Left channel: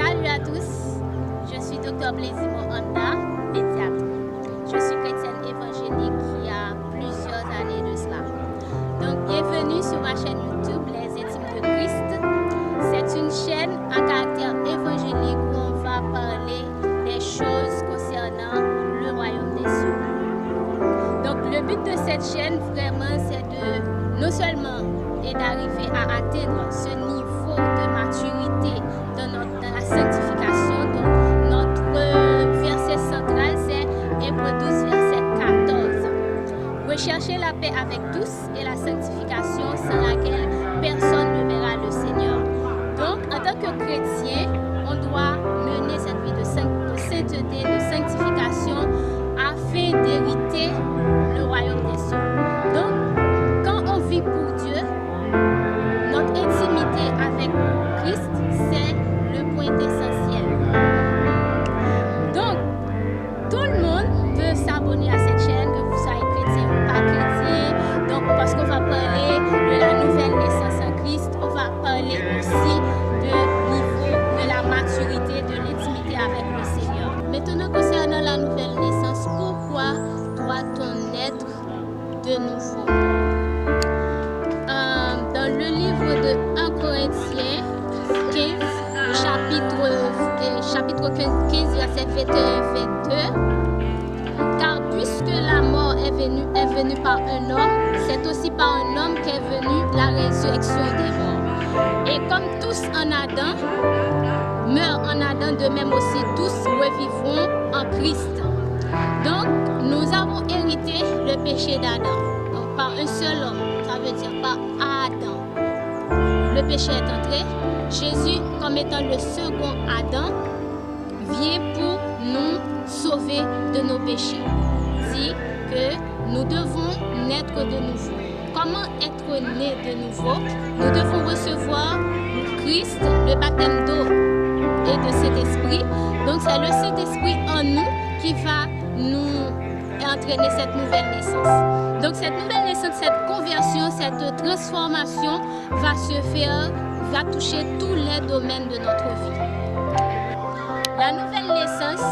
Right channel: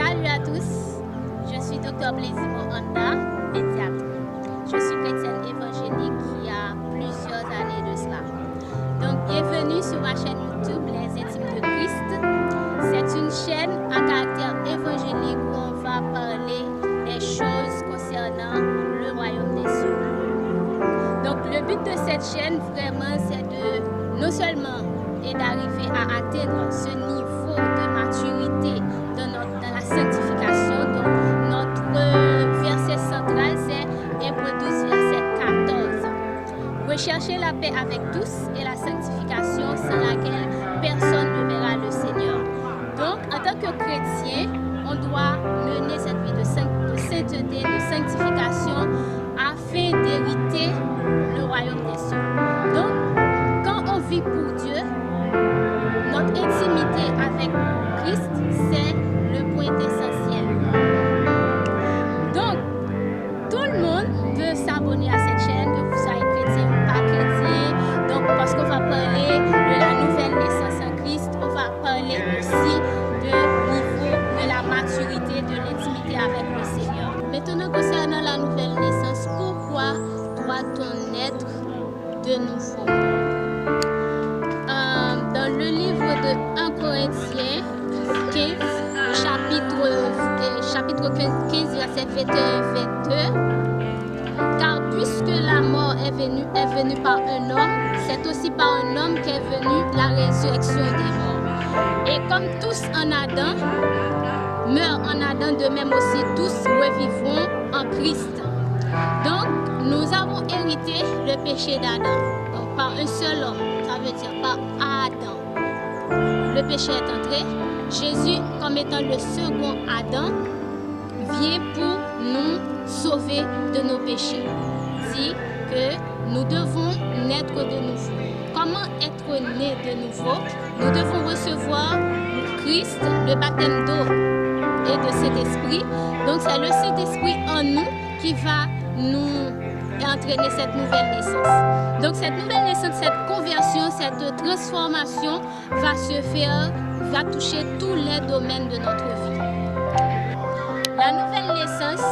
Salut à tous, je suis Dr Blaisimo Anda, pédiatre. Je suis chrétienne évangélique qui a plusieurs années de cela. Donc bienvenue sur ma chaîne YouTube Les Intimes de Christ. C'est une chaîne à caractère évangélique où on va parler des choses concernant le royaume des cieux. Donc le but de cette chaîne vraiment c'est de non seulement d'arriver à atteindre ce niveau de maturité dans la sanctification. Donc notre verset central c'est Hébreux 12 verset 14. Recherchez la paix avec tous et la sanctification sans laquelle personne ne verra le Seigneur. Donc en tant que chrétien, on doit mener cette vie de sainteté, de sanctification afin d'hériter le royaume des cieux. Donc quand on vit pour Dieu, notre intimité avec Christ, c'est le point essentiel. Donc, tout le monde peut s'abonner à cette chaîne, que vous soyez chrétien ou pas chrétien. Donc, parce qu'on va parler de la nouvelle naissance en Christ, on va parler aussi du niveau de la maturité, de l'intimité avec le Seigneur. Maintenant, concernant la nouvelle naissance, pourquoi doit-on naître de nouveau? Dans le livre de 1 Corinthiens 15, chapitre 15, verset 21-22, car puisque la mort est venue par un homme, c'est aussi par un homme qu'est venue la résurrection des morts. Et comme tous en Adam meurent en Adam, de même aussi tous revivront en Christ. Donc, nous avons hérité le péché d'Adam. Donc, par un seul homme, ça veut dire par Adam. Le péché est entré. Jésus, comme étant le second Adam, vient pour nous sauver de nos péchés. Dit que nous devons naître de nouveau. Comment être né de nouveau? Nous devons recevoir Christ, le baptême d'eau et de Saint-Esprit. Donc c'est le Saint-Esprit en nous qui va nous entraîner cette nouvelle naissance. Donc cette nouvelle naissance, cette conversion, cette transformation va se faire, va toucher tous les domaines de notre vie. La nouvelle naissance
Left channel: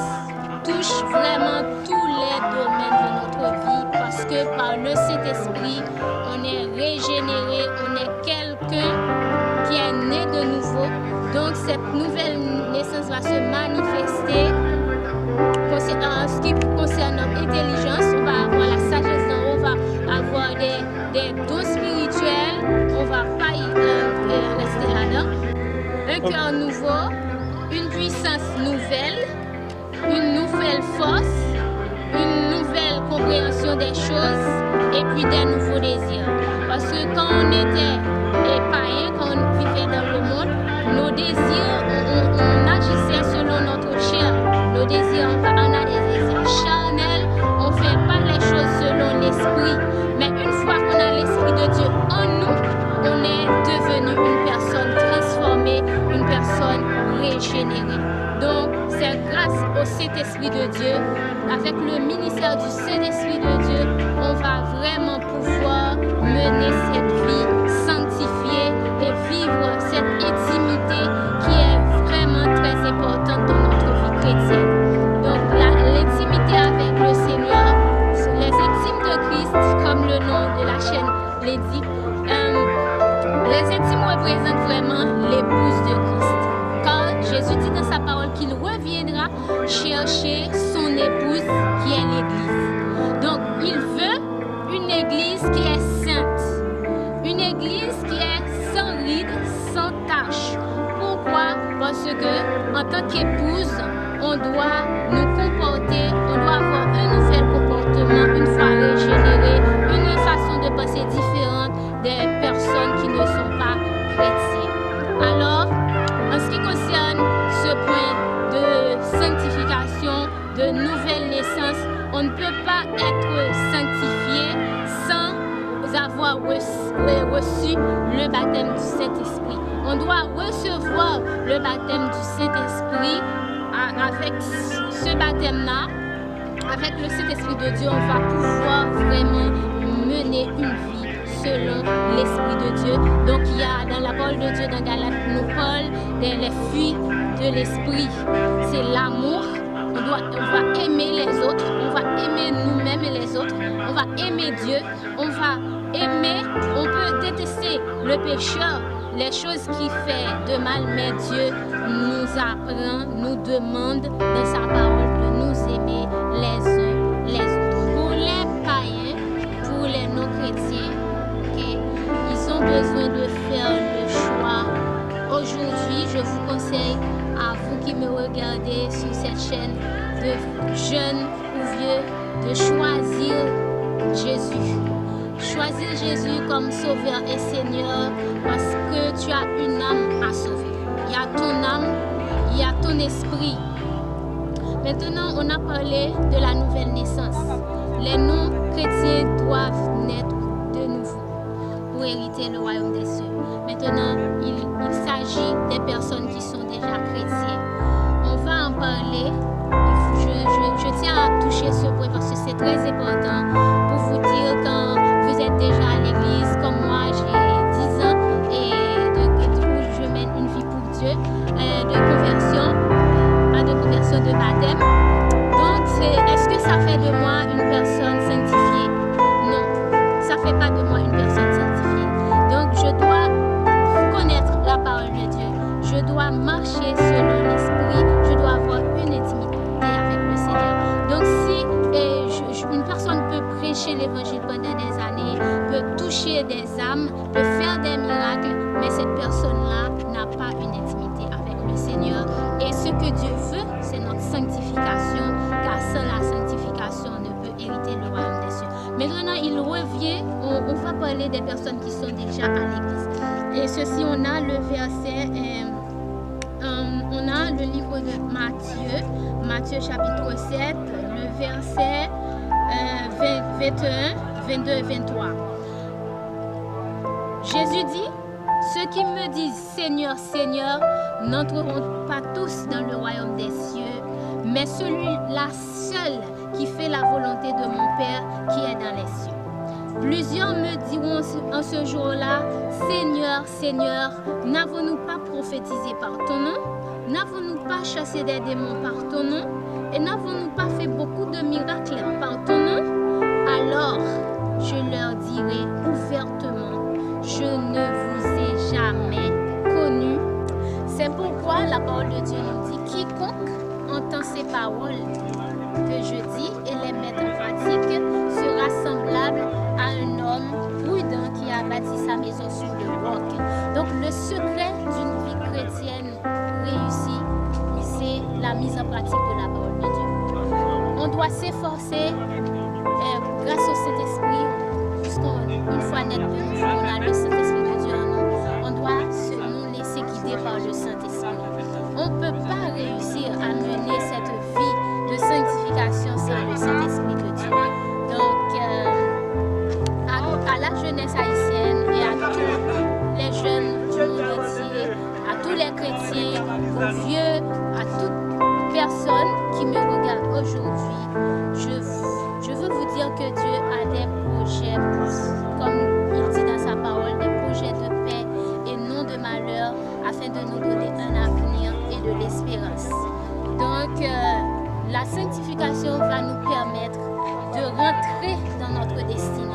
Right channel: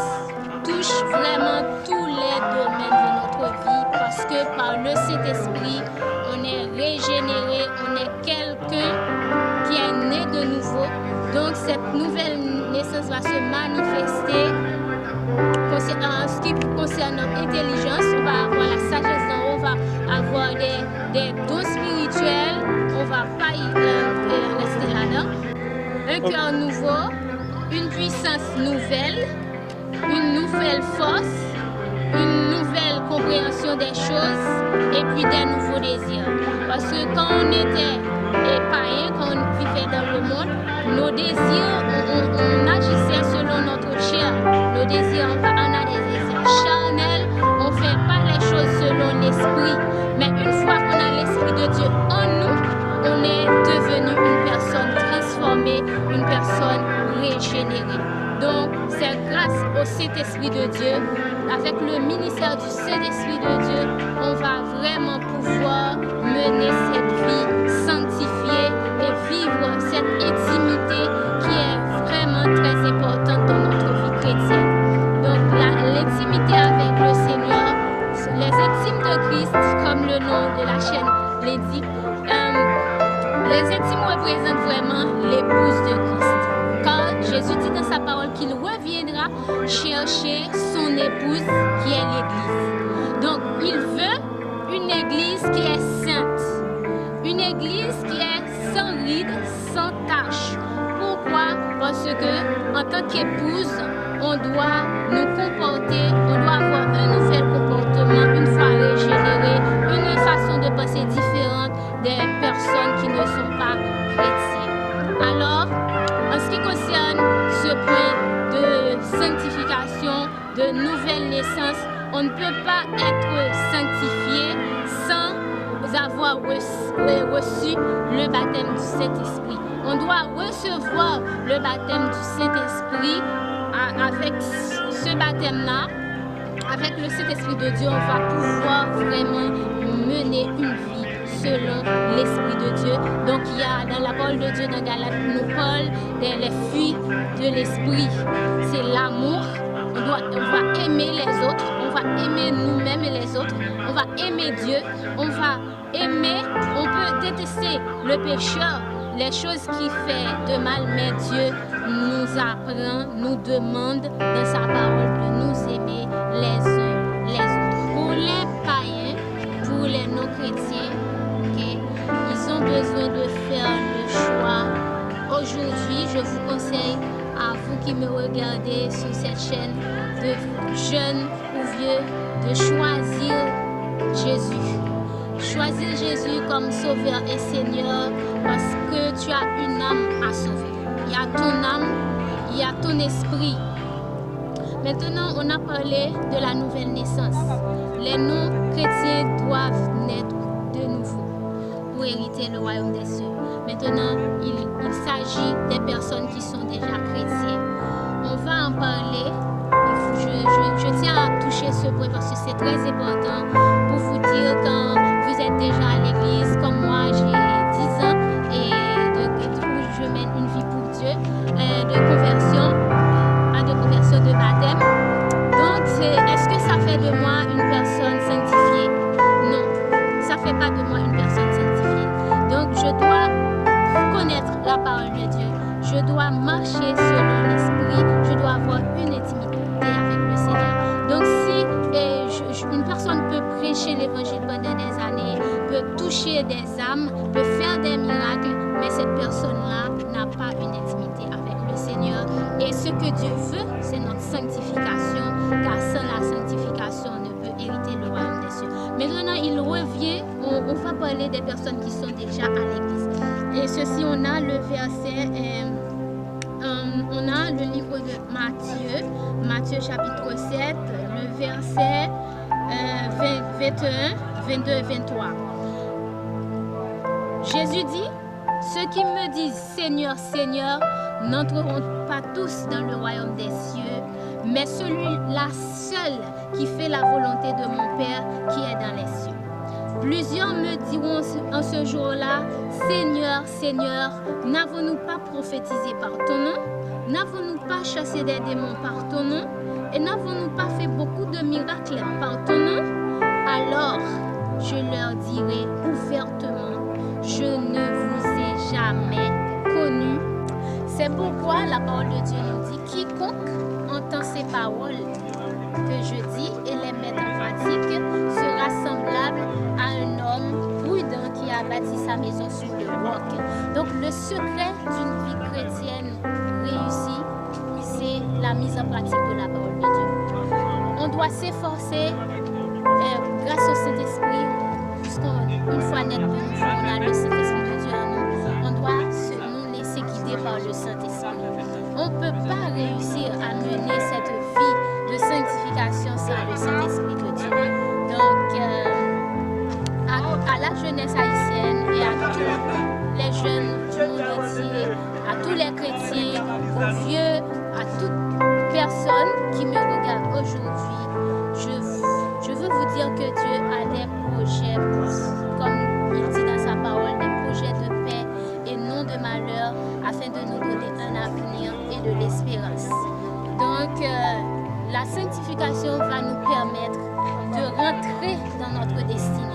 touche vraiment tous les domaines de notre vie parce que par le Saint-Esprit, on est régénéré, on est quelqu'un qui est né de nouveau. Donc cette nouvelle naissance va se manifester en ce qui concerne notre intelligence. On va avoir la sagesse d'en haut, on va avoir des dons spirituels, on ne va pas y rester là-dedans. Un cœur nouveau, une puissance nouvelle, une nouvelle force, une nouvelle compréhension des choses et puis des nouveaux désirs. Parce que quand on était païen, quand on vivait dans le monde, nos désirs, on agissait selon notre chair. Nos désirs, on a des désirs charnels, on ne fait pas les choses selon l'esprit. Mais une fois qu'on a l'esprit de Dieu en nous, on est devenu une personne transformée, une personne régénérée. Donc, c'est grâce au Saint-Esprit de Dieu, avec le ministère du Saint-Esprit de Dieu, on va vraiment pouvoir mener cette vie sanctifiée et vivre cette intimité qui est vraiment très importante dans notre vie chrétienne. Donc, l'intimité avec le Seigneur, les intimes de Christ, comme le nom de la chaîne l'indique, les intimes représentent vraiment l'épouse de Christ. Quand Jésus dit dans sa parole qu'il reviendra chercher son épouse qui est l'Église. Donc il veut une Église qui est sainte, une Église qui est sans rides, sans tache. Pourquoi? Parce que en tant qu'épouse, on doit nous comporter, on doit avoir un nouvel comportement une fois régénéré, une façon de penser différente des personnes qui ne sont pas chrétiennes. Alors, en ce qui concerne ce point de sanctification, de nouvelle naissance, on ne peut pas être sanctifié sans avoir reçu le baptême du Saint-Esprit. On doit recevoir le baptême du Saint-Esprit. Avec ce baptême-là, avec le Saint-Esprit de Dieu, on va pouvoir vraiment mener une vie selon l'Esprit de Dieu. Donc il y a dans la parole de Dieu, dans Galates, nous parle des fruits de l'Esprit. C'est l'amour. On va aimer les autres, on va aimer nous-mêmes et les autres, on va aimer Dieu, on va aimer, on peut détester le pécheur, les choses qui fait de mal, mais Dieu nous apprend, nous demande dans sa parole de nous aimer les uns les autres. Pour les païens, pour les non-chrétiens, okay, ils ont besoin de faire le choix. Aujourd'hui, je vous conseille à vous qui me regardez sur cette chaîne, de jeunes ou vieux, de choisir Jésus. Choisir Jésus comme Sauveur et Seigneur parce que tu as une âme à sauver. Il y a ton âme, il y a ton esprit. Maintenant, on a parlé de la nouvelle naissance. Les non-chrétiens doivent naître de nouveau pour hériter le royaume des cieux. Maintenant, il s'agit des personnes qui sont déjà chrétiens. On va en parler. Je tiens à toucher ce point parce que c'est très important pour vous dire quand vous êtes déjà à l'église, comme moi j'ai 10 ans et où je mène une vie pour Dieu, de conversion de baptême. Donc, est-ce que ça fait de moi une personne sanctifiée? Non, ça ne fait pas de moi une personne sanctifiée. Donc, je dois connaître la parole de Dieu. Je dois marcher selon l'esprit. Je dois avoir une intimité avec le Seigneur. Donc, si une personne peut prêcher l'évangile pendant des années, peut toucher des âmes, peut faire des miracles, mais cette personne-là n'a pas une intimité avec le Seigneur. Et ce que Dieu veut, c'est notre sanctification, car sans la sanctification, on ne peut hériter le royaume des cieux. Maintenant, il revient, on va parler des personnes qui sont déjà à l'église. Et ceci, on a le verset, on a le livre de Matthieu chapitre 7, le verset 21, 22 et 23. Jésus dit, ceux qui me disent Seigneur, Seigneur, n'entreront pas tous dans le royaume des cieux, mais celui-là seul qui fait la volonté de mon Père qui est dans les cieux. Plusieurs me diront en ce jour-là, Seigneur, Seigneur, n'avons-nous pas prophétisé par ton nom? N'avons-nous pas chassé des démons par ton nom? Et n'avons-nous pas fait beaucoup de miracles par ton nom? Alors, je leur dirai ouvertement, je ne vous ai jamais connus. C'est pourquoi la parole de Dieu nous dit, quiconque entend ces paroles que je dis et les met en pratique sera semblable à un homme prudent qui a bâti sa maison sur le roc. Donc le secret d'une vie chrétienne réussie, c'est la mise en pratique de la parole de Dieu. On doit s'efforcer grâce au Saint-Esprit, puisqu'une fois net de nous, on a le Saint-Esprit de Dieu en nous. On doit nous laisser guider par le Saint-Esprit. On ne peut pas réussir à mener cette vie de sanctification sans le Saint-Esprit de Dieu. Donc, à la jeunesse haïtienne et à tous les jeunes du monde entier, à tous les chrétiens, aux vieux, à toute personne qui me regarde aujourd'hui, je veux vous dire que Dieu a des projets, comme il dit dans sa parole, des projets de paix et non de malheur, afin de nous donner un avenir et de l'espérance. Donc, la sanctification va nous permettre de rentrer dans notre destinée.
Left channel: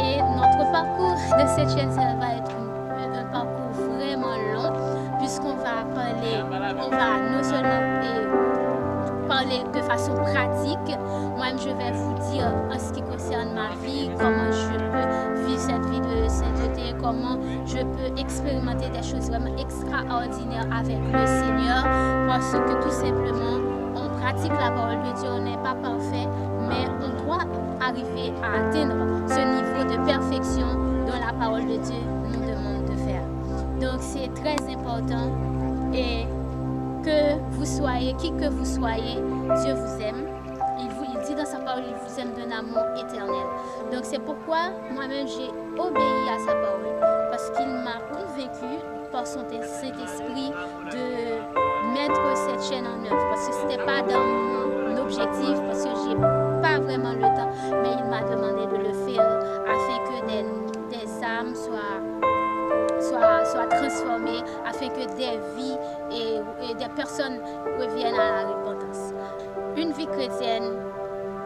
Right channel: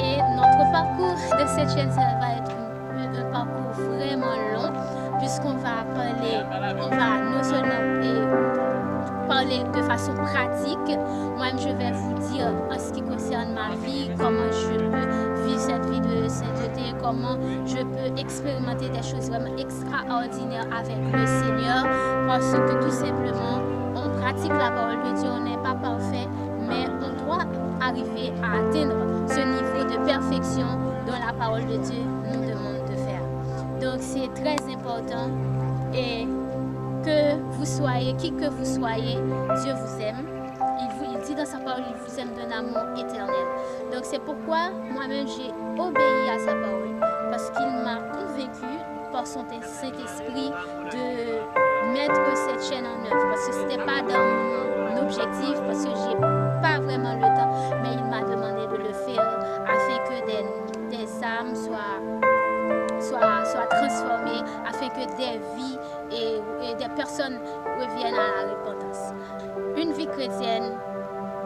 Et notre parcours de cette chaîne, ça va être un parcours vraiment long, puisqu'on va parler, on va non seulement parler de façon pratique. Moi-même, je vais vous dire en ce qui concerne ma vie, comment je peux vivre cette vie de sainteté, comment je peux expérimenter des choses vraiment extraordinaires avec le Seigneur, parce que tout simplement, on pratique la parole de Dieu, on n'est pas parfait, mais on doit arriver à atteindre ce niveau de perfection dont la parole de Dieu nous demande de faire. Donc c'est très important et que vous soyez, qui que vous soyez, Dieu vous aime. Il dit dans sa parole, il vous aime d'un amour éternel. Donc c'est pourquoi moi-même j'ai obéi à sa parole, parce qu'il m'a convaincu par son Saint-Esprit de mettre cette chaîne en œuvre, parce que ce n'était pas dans mon objectif, parce que j'ai pas vraiment le temps, mais il m'a demandé de le faire afin que des âmes soient transformées, afin que des vies et des personnes reviennent à la repentance. Une vie chrétienne,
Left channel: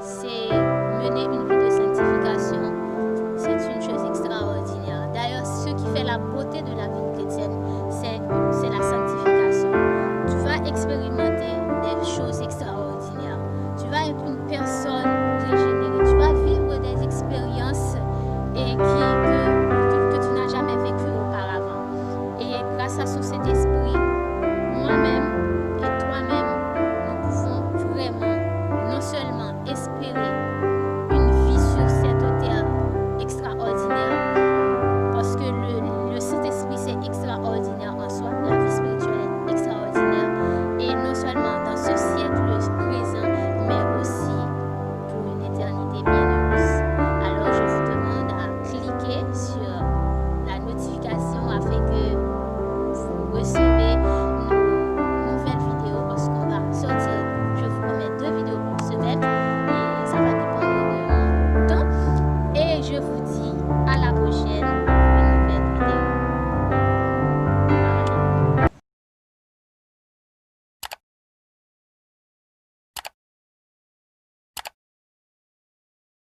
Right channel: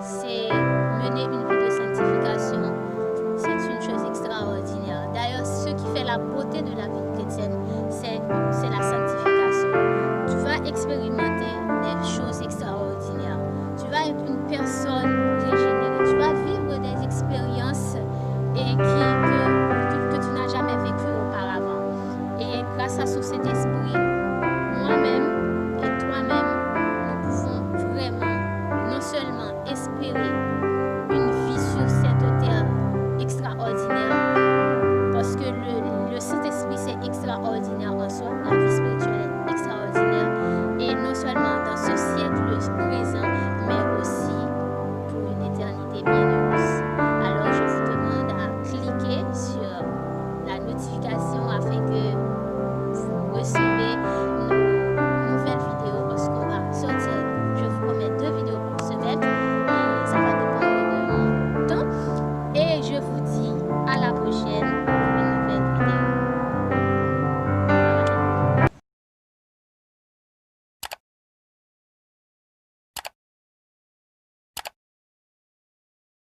c'est mener une vie de sanctification. C'est une chose extraordinaire. D'ailleurs, ce qui fait la beauté de la vie chrétienne, c'est la sanctification. Tu vas expérimenter des choses extraordinaires. Tu vas être une personne régénérée. Tu vas vivre des expériences que tu n'as jamais vécues auparavant. Et grâce à ce Saint-Esprit, moi-même et toi-même, nous pouvons vraiment non seulement espérer une vie sur cette terre extraordinaire, parce que le Saint-Esprit c'est extraordinaire en soi, la vie spirituelle est extraordinaire, et non seulement dans ce siècle présent, mais aussi pour une éternité bienheureuse. Alors je vous demande à cliquer sur la notification afin que vous recevez nos nouvelles vidéos, parce qu'on va sortir, je vous promets, 2 vidéos par semaine, et ça va dépendre de mon temps. Et je vous dis à la prochaine.